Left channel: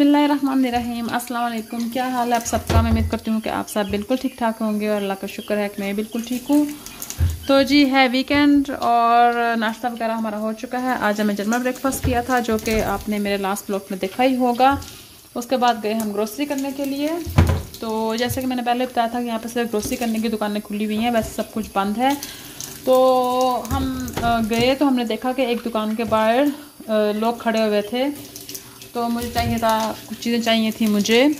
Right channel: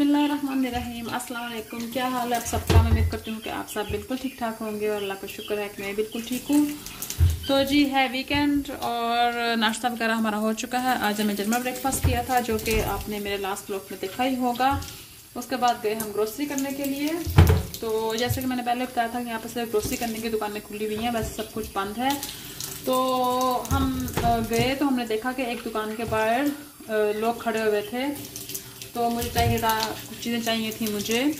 बिस्मिल्लाहिर्रहमानिर्रहीम। अस्सलाम वालेकुम। क्या हाल है आप सबका? मैं उम्मीद करती हूँ कि आप सब बिल्कुल ठीक ठाक होंगे और अल्लाह का शुक्र है कि मैं बिल्कुल ठीक हूँ। तो जी है वीकेंड और नाश्ता वगैरह हमारा हो चुका है। आज हमें जर्मन ब्रेकफास्ट किया था जो कि आपने मेरे लास्ट ब्लॉग में देखा ही होगा। उसके बाद गए हम ग्रोसरी करने के लिए। तो जैसे कि मैंने पहले बताया था कि यहाँ पर सिर्फ ग्रोसरी करने की दुकानें खुली हुई हैं, वैसे सब कुछ बंद है। तो हम गए तो हमने देखा कि एक दुकान के बाहर लोग खड़े हुए थे। तो मुझे चाहिए था, कुछ चीज़ें चाहिए थी मुझे।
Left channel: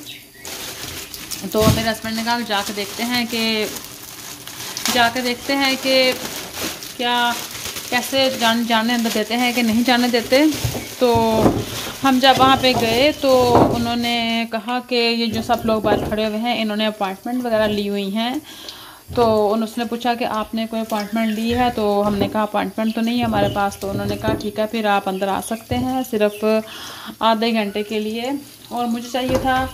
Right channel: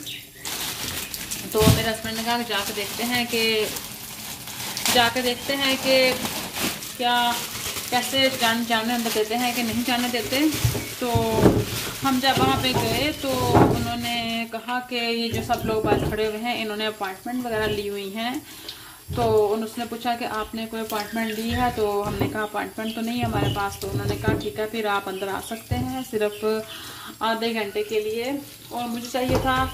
तो मेरे हस्बैंड ने कहा जाके देखते हैं कि क्या कैसे जाने अंदर देते हैं कि नहीं जाने देते। तो हम जब वहाँ पे गए तो उन्होंने कहा कि ये जो सब लोग बाहर खड़े हुए हैं इन्होंने अपॉइंटमेंट वगैरह ली हुई हैं। तो उसने पूछा कि आपने कोई अपॉइंटमेंट ली है? तो हमने कहा अपॉइंटमेंट तो नहीं है हमारे पास। तो उन्होंने कहा ठीक है फिर आप अंदर आ सकते हैं सिर्फ आधे घंटे के लिए। और मुझे चाहिए था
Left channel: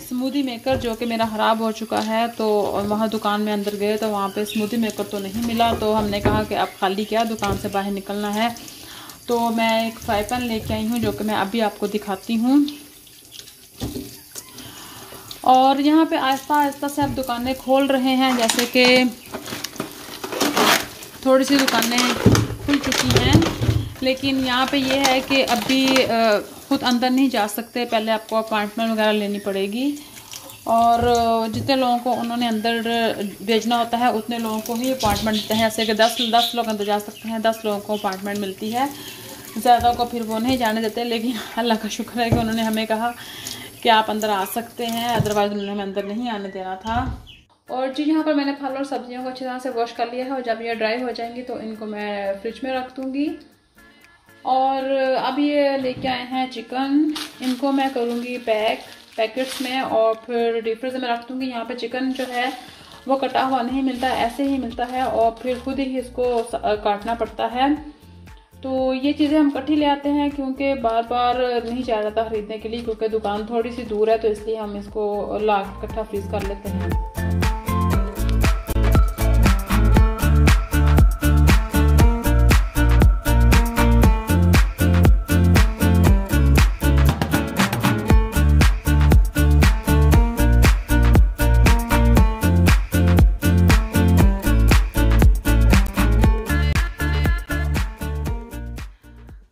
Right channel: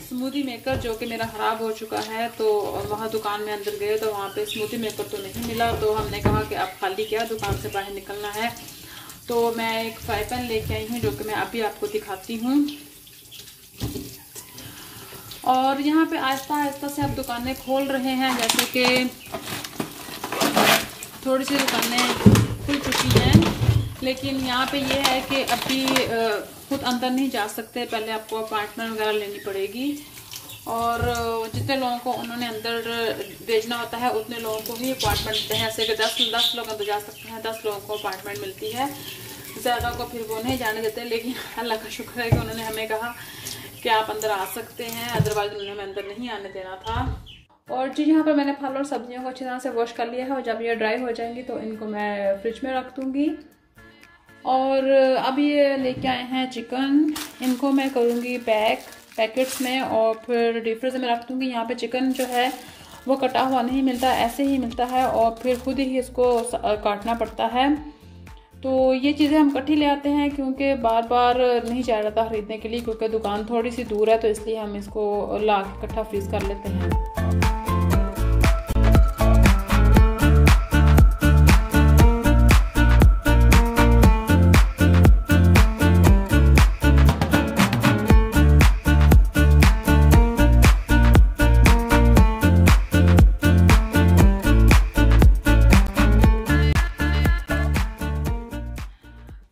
स्मूदी मेकर जो कि मेरा ख़राब हो चुका है। तो वहाँ दुकान में अंदर गए तो वहाँ पे स्मूदी मेकर तो नहीं मिला। तो हमने कहा कि आप खाली क्या दुकान से बाहर निकलना है। तो मैं एक फ्राई पैन लेके आई हूँ जो कि मैं अभी आपको दिखाती हूँ। और यहाँ पे आहिस्ता आहिस्ता से अब दुकानें खोल रहे हैं, जैसे कि थोड़ी सी दुकानें खुल चुकी हैं। लेकिन यहाँ पे ये है कि अभी खुद अंदर नहीं जा सकते, पहले आपको अपॉइंटमेंट वगैरह लेनी पड़ेगी। और जितने लोगों को उन्होंने अंदर भेजना होता है उतने लोगों को ही अपॉइंटमेंट देते हैं। जैसे कि 10 लोग अंदर जा सकते हैं, 10 लोगों को अपॉइंटमेंट मिलती है, ज़्यादा को फिर वो नहीं जाने देते। लेकिन अल्लाह का शुक्र है कि उन्होंने हमें कहा कि आप अंदर आ सकते हैं, अदरवाइज उन्होंने हमें अंदर नहीं आने देना था। और जी यहाँ पर मैंने फल और सब्जियों को अच्छी तरह से वॉश कर लिया है और जब ये ड्राई हो जाएंगी तो इनको मैं फ्रिज में रख दूँगी। और अब ये लेके आए हैं चिकन, इनको मैं करूँगी पैकेट्स में और फिर डीप फ्रीजर में रख दूँगी। यहाँ पे चिकन जो है वो कटा हुआ नहीं मिलता, ऐसे ही मिलता है और फिर खुद ही इसको काटना पड़ता है। तो ये चीज़ें हम इकट्ठी ले आते हैं क्योंकि बार बार नहीं जाया जाता ख़रीदने के लिए, क्योंकि दुकान थोड़ी सी दूर है। तो इसलिए हम इसको ला के इकट्ठा फ्रीज़ कर लेते हैं।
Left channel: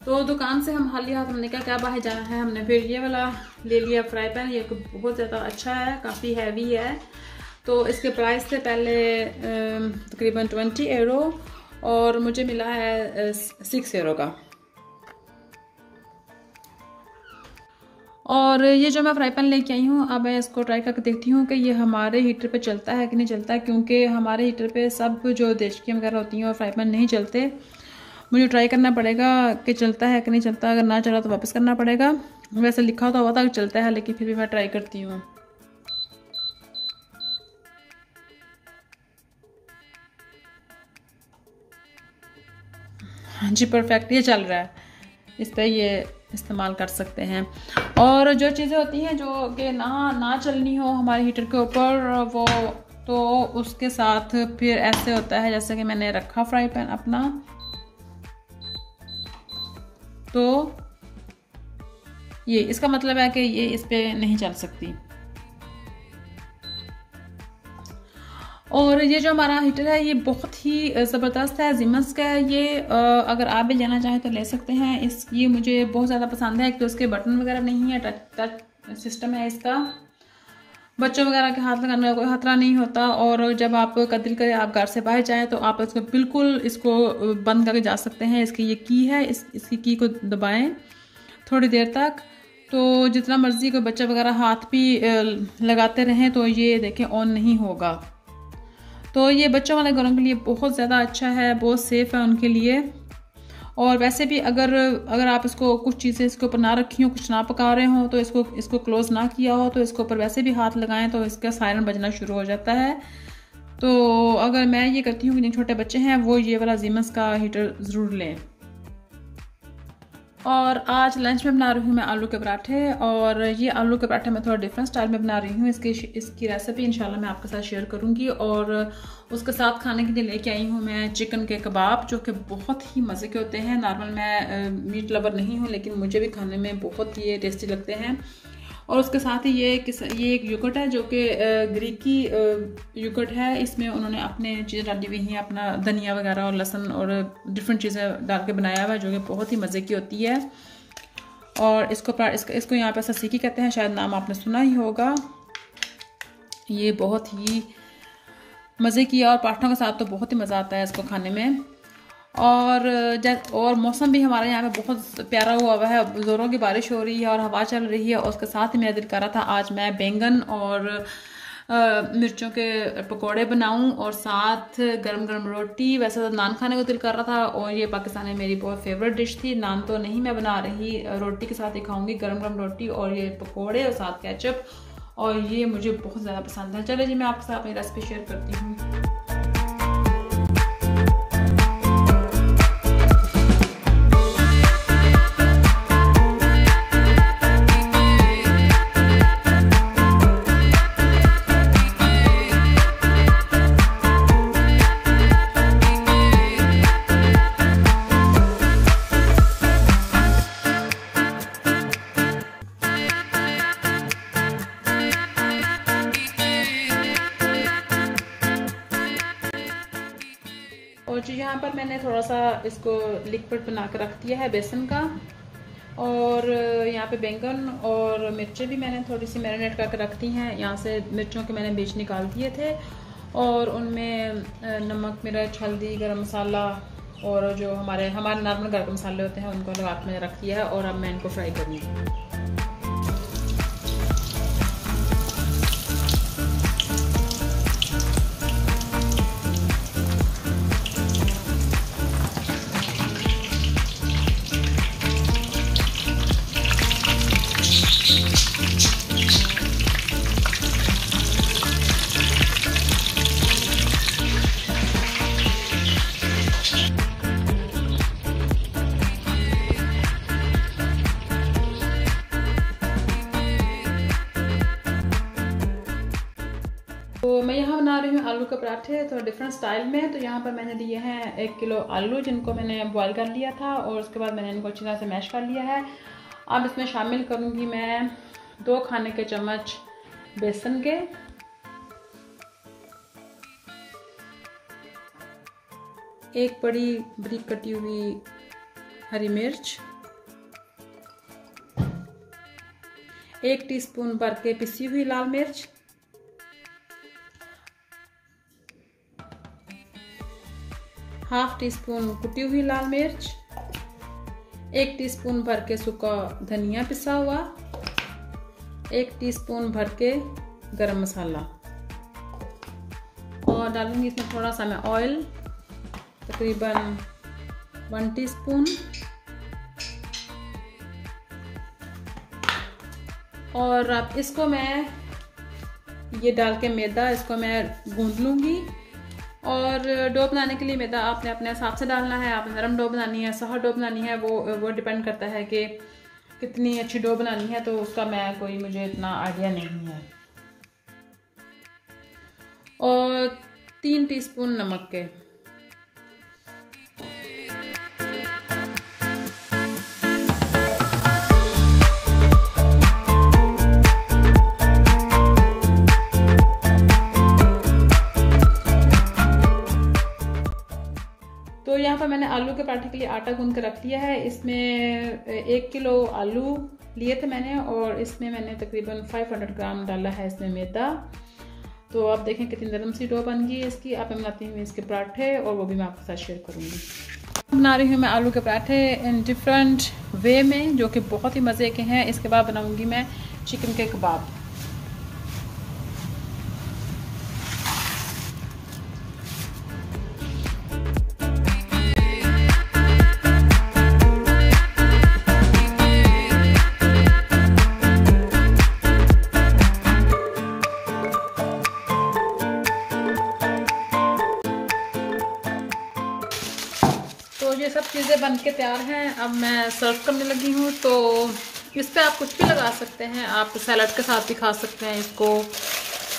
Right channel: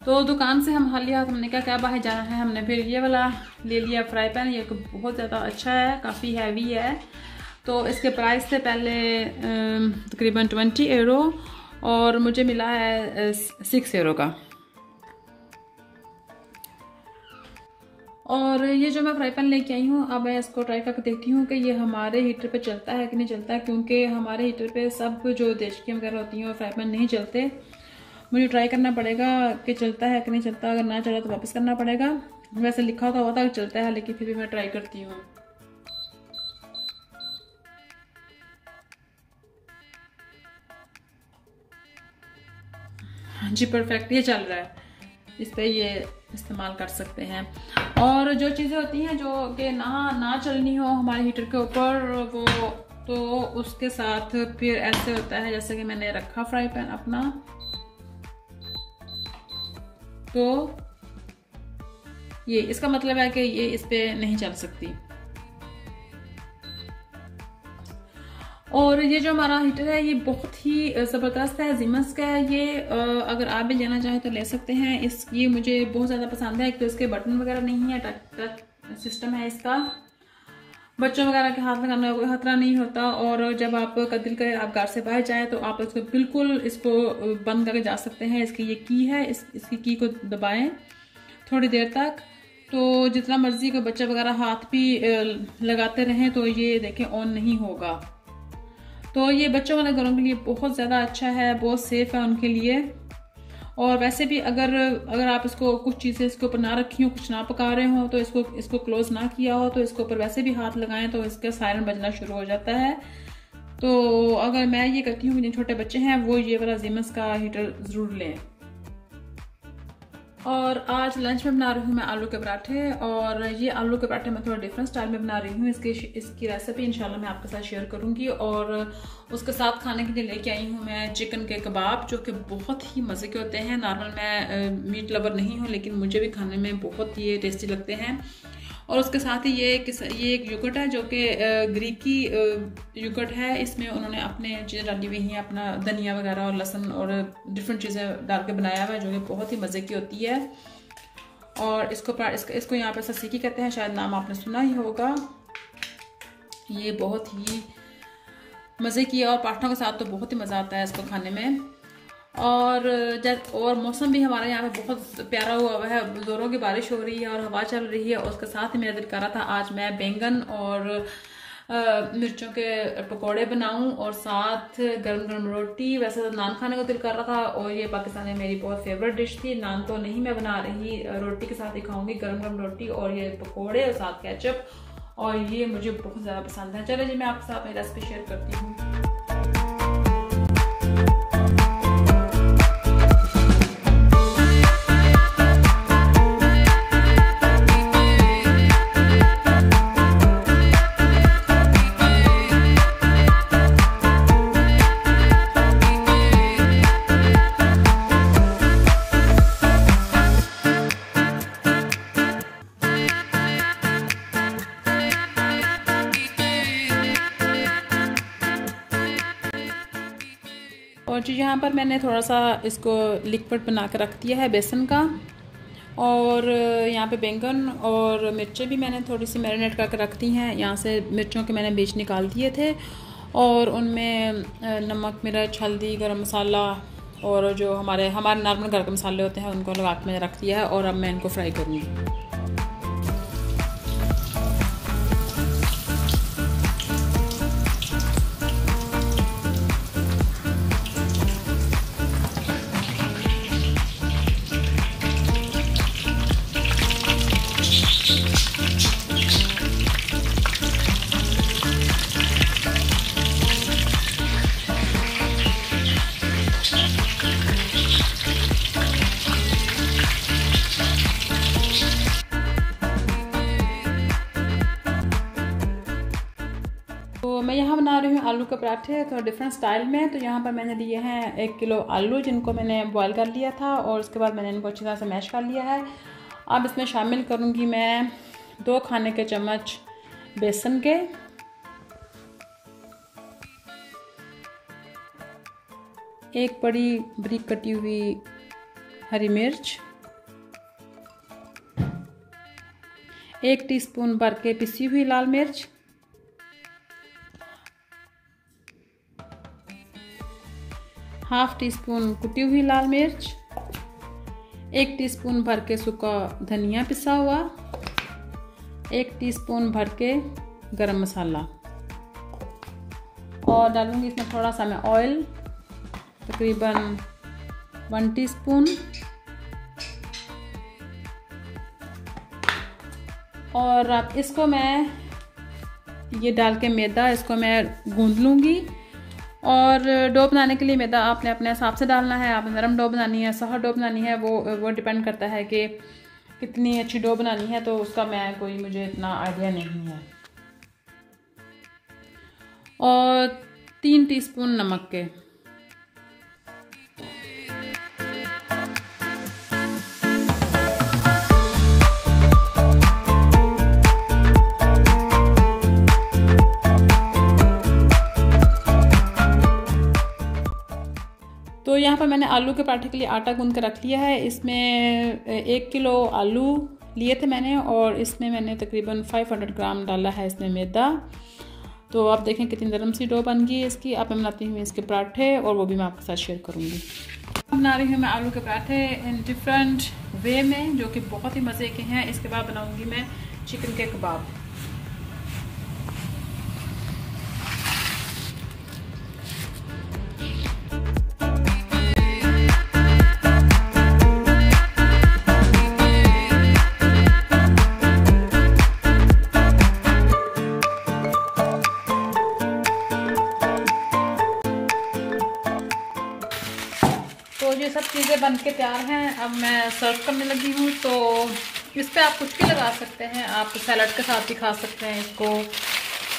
तो दुकान से हम खाली हाथ, हमने कहा क्या बाहर जाना है, हमने फिर ये वाला ले लिया फ्राई पैन। ये बहुत ज़्यादा अच्छा है, काफ़ी हैवी है। तो इसके प्राइस थे पहले तकरीबन 20 यूरो और मुझे मिला है 6 यूरो का। और ये जो मैं फ्राई पैन लेके आई हूँ, अब मैं इसको ट्राई करके देखती हूँ कि ये हमारे हीटर पे चलता है कि नहीं चलता है, क्योंकि हमारे हीटर पे सब जो देश की वगैरह होती हैं और फ्राई पैन नहीं चलते। मुझे ट्राई करना पड़ेगा कि चलता है कि नहीं चलता। अगर ना चला तो वापस करना पड़ेगा। वैसे लिखा तो हुआ था कि चलता है, लेकिन फिर भी मैं ट्राई करती हूँ। हाँ जी परफेक्ट, ये चल रहा है, इस पर ये इस्तेमाल कर सकते हैं। और जो चीज़ें होती हैं जो कि ना चलनी हो हमारे हीटर के ऊपर, वो तो उसके साथ फिर ऐसे होता है। जैसे कि मैंने रखा फ्राई पैन अपना, तो ये इसका मतलब है कि ये इस पे नहीं चल सकती। और ये जो हमारा हीटर है ये बहुत ही ज़बरदस्त है, जीमस का है ये। अगर आप भी लेना चाहें तो ले सकते हैं। ये मुझे बहुत ज़्यादा पसंद है। एक तो इसके बटन वगैरह नहीं है, टच सिस्टम है इसका, बच्चों वगैरह के हाथ लगाने का कोई खतरा नहीं होता। और जब आप दिल करे आप घर से बाहर जाए तो आप इसको बिल्कुल बंद करके जा सकते हैं। इसकी ये की है, इसकी की को दबाएं थोड़ी देर तक, तो जितना मर्जी को बच्चा वगैरह हाथ भी लगाते रहें तो ये देखें ऑन नहीं होगा। तो ये बच्चों वाले घरों के लिए बहुत ज़्यादा अच्छा है, बहुत सेफ है उनके लिए। और वैसे भी अगर आप इसको कुछ चीज़ें इसके ऊपर ना रखी हो, कुछ ना पका रहे हो, तो इसको क्लोज ना किया हो तो इसके ऊपर वैसे भी हाथ लगाएं तो इसका सायरन बजना शुरू हो जाता है। तो अगर मैं ये करती हूँ कि जिन छोटे बच्चे हैं वो ये वाला जीमस का हीटर ज़रूर लें। और आज लंच में बना रही हूँ मैं आलू के पराठे। और ये आलू के पराठे मैं थोड़ा डिफरेंट स्टाइल में बना रही हूँ। इसकी रेसिपी इंशाल्लाह मैं आपके साथ शेयर करूँगी। और उसके साथ खाने के लिए लेके आई हूँ मैं चिकन के कबाब, जो कि बहुत ही मज़े के होते हैं। नॉर्मल मैं मीट लवर नहीं हूँ, लेकिन मुझे भी खाने में बहुत ये टेस्टी लगते हैं। और उसके साथ ही ये एक योगर्ट है, जो कि ग्रीकी योगर्ट है। इसमें उन्होंने अपने चीज़ें डाली हुई हैं, अपना धनिया वगैरह और लहसुन और डिफरेंट चीज़ें डाल के बनाया हुआ है, जो कि बहुत ही मज़े की होती है। और इसको यहाँ पे ससीकी कहते हैं, शायद नाम आपने सुना ही होगा। ये बहुत ही मज़े की है और पराठों के साथ तो बहुत ही मज़ा आता है इसको खाने में। और मौसम भी हमारे यहाँ पे बहुत प्यारा हुआ है, ज़ोरों की बारिश हो रही है और हवा चल रही है। और उसके साथ ही मेरा दिल कर रहा था आज मैं बैंगन और मिर्चों के पकोड़े बनाऊं और साथ गरम गरम रोटी। वैसे तो नान खाने को दिल कर रहा था, और ये पाकिस्तानी मेरी बहुत फेवरेट डिश थी। नान तो नहीं मैं बना रही, रोटी के साथ ही खाऊंगी, गरम गरम रोटी और ये पकोड़े और साथ केचप। और ये मुझे बहुत ज़्यादा पसंद है। चलिए जी, मैं आपके साथ अपनी रेसिपी शेयर करती हूँ। और जो यहाँ पर मैंने थोड़ा सा इसको लिक्विड बना के रख दिया है बेसन का। और यहाँ पे बैंगन और मिर्चें भी मैंने थोड़ी सी मैरिनेट करके रख दी हैं। यहाँ से मिर्चों के मैंने बीज निकाल दिए थे और उनमें नमक, मिर्च, हल्दी, गरम मसाला और जो हमारे नॉर्मल घर के मसाले होते हैं उनको लगा के मैंने रख दिया है। और अब मैं इनको फ्राई करूँगी। तो मैं यहाँ बना रही हूँ आलू के पराठे थोड़ा डिफरेंट स्टाइल में। तो यहाँ पर मैंने लिए हैं 1 किलो आलू, जिनको मैंने बॉईल कर लिया था और उसके बाद मैंने इनको अच्छी तरह से मैश कर लिया है। अब इसमें शामिल करूँगी मैं 2 खाने के चम्मच बेसन के, 1 बड़ी बारीक कटी हुई हरी मिर्च, 1 टीस्पून भर के पिसी हुई लाल मिर्च, 1/2 टीस्पून कुटी हुई लाल मिर्च, 1 टीस्पून भर के सूखा धनिया पिसा हुआ, 1 टीस्पून भर के गरम मसाला। और डालूंगी इसमें थोड़ा सा मैं ऑयल, तकरीबन 1 टीस्पून। और अब इसको मैं ये डाल के मैदा इसको मैं गूंद लूँगी। और डो बनाने के लिए मैदा आपने अपने हिसाब से डालना है। आपने नरम डो बनानी है, सॉफ्ट डो बनानी है, वो डिपेंड करता है कि कितनी अच्छी डो बनानी है। तो उसका मुझे इतना आइडिया नहीं है। और 3 टीस्पून नमक के। तो यहाँ पर मैंने आलू के पराठे के लिए आटा गूंद कर रख लिया है। इसमें 1 किलो आलू लिए थे मैंने और इसमें मैंने तकरीबन 500 ग्राम डाला है इसमें मैदा। तो आप देखें कितनी नरम सी डो बन गई है इसकी। अब मैं बनाती हूँ इसके पराठे और वो भी मैं आपके साथ शेयर करूँगी। बना रही हूँ मैं आलू के पराठे इन डिफरेंट वे में, जो कि बहुत ही मज़े के हैं। इसके बाद बनाऊँगी मैं चिकन के कबाब। तो ये सब चीज़ें चीज़ें बन के तैयार हैं। अब मैं सर्व करने लगी हूँ। तो इस पर आप कुछ भी लगा सकते हैं, आप सैलड के साथ भी खा सकते हैं इसको,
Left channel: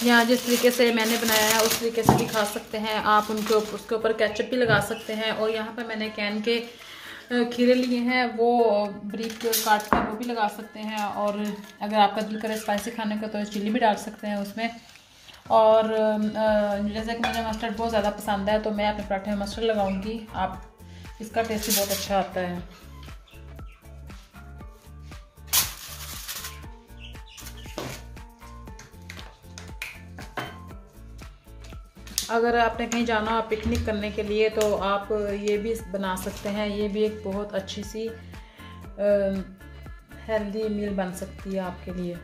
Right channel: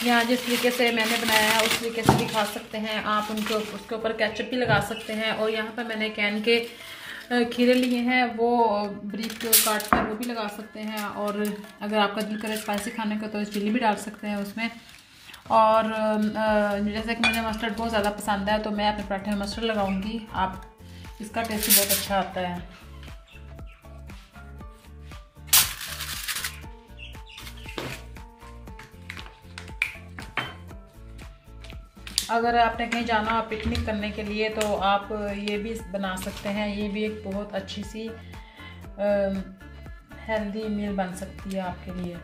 या जिस तरीके से मैंने बनाया है उस तरीके से भी खा सकते हैं आप। उसके ऊपर केचप भी लगा सकते हैं। और यहाँ पर मैंने कैन के खीरे लिए हैं, वो ब्रीक काट कर वो भी लगा सकते हैं। और अगर आपका दिल करे स्पाइसी खाने का तो चिली भी डाल सकते हैं उसमें। और जैसे कि मुझे मस्टर्ड बहुत ज़्यादा पसंद है तो मैं अपने पराठे में मस्टर्ड लगाऊंगी। आप इसका टेस्ट भी बहुत अच्छा आता है। अगर आपने कहीं जाना हो पिकनिक करने के लिए तो आप ये भी बना सकते हैं। ये भी एक बहुत अच्छी सी हेल्दी मील बन सकती है आपके लिए।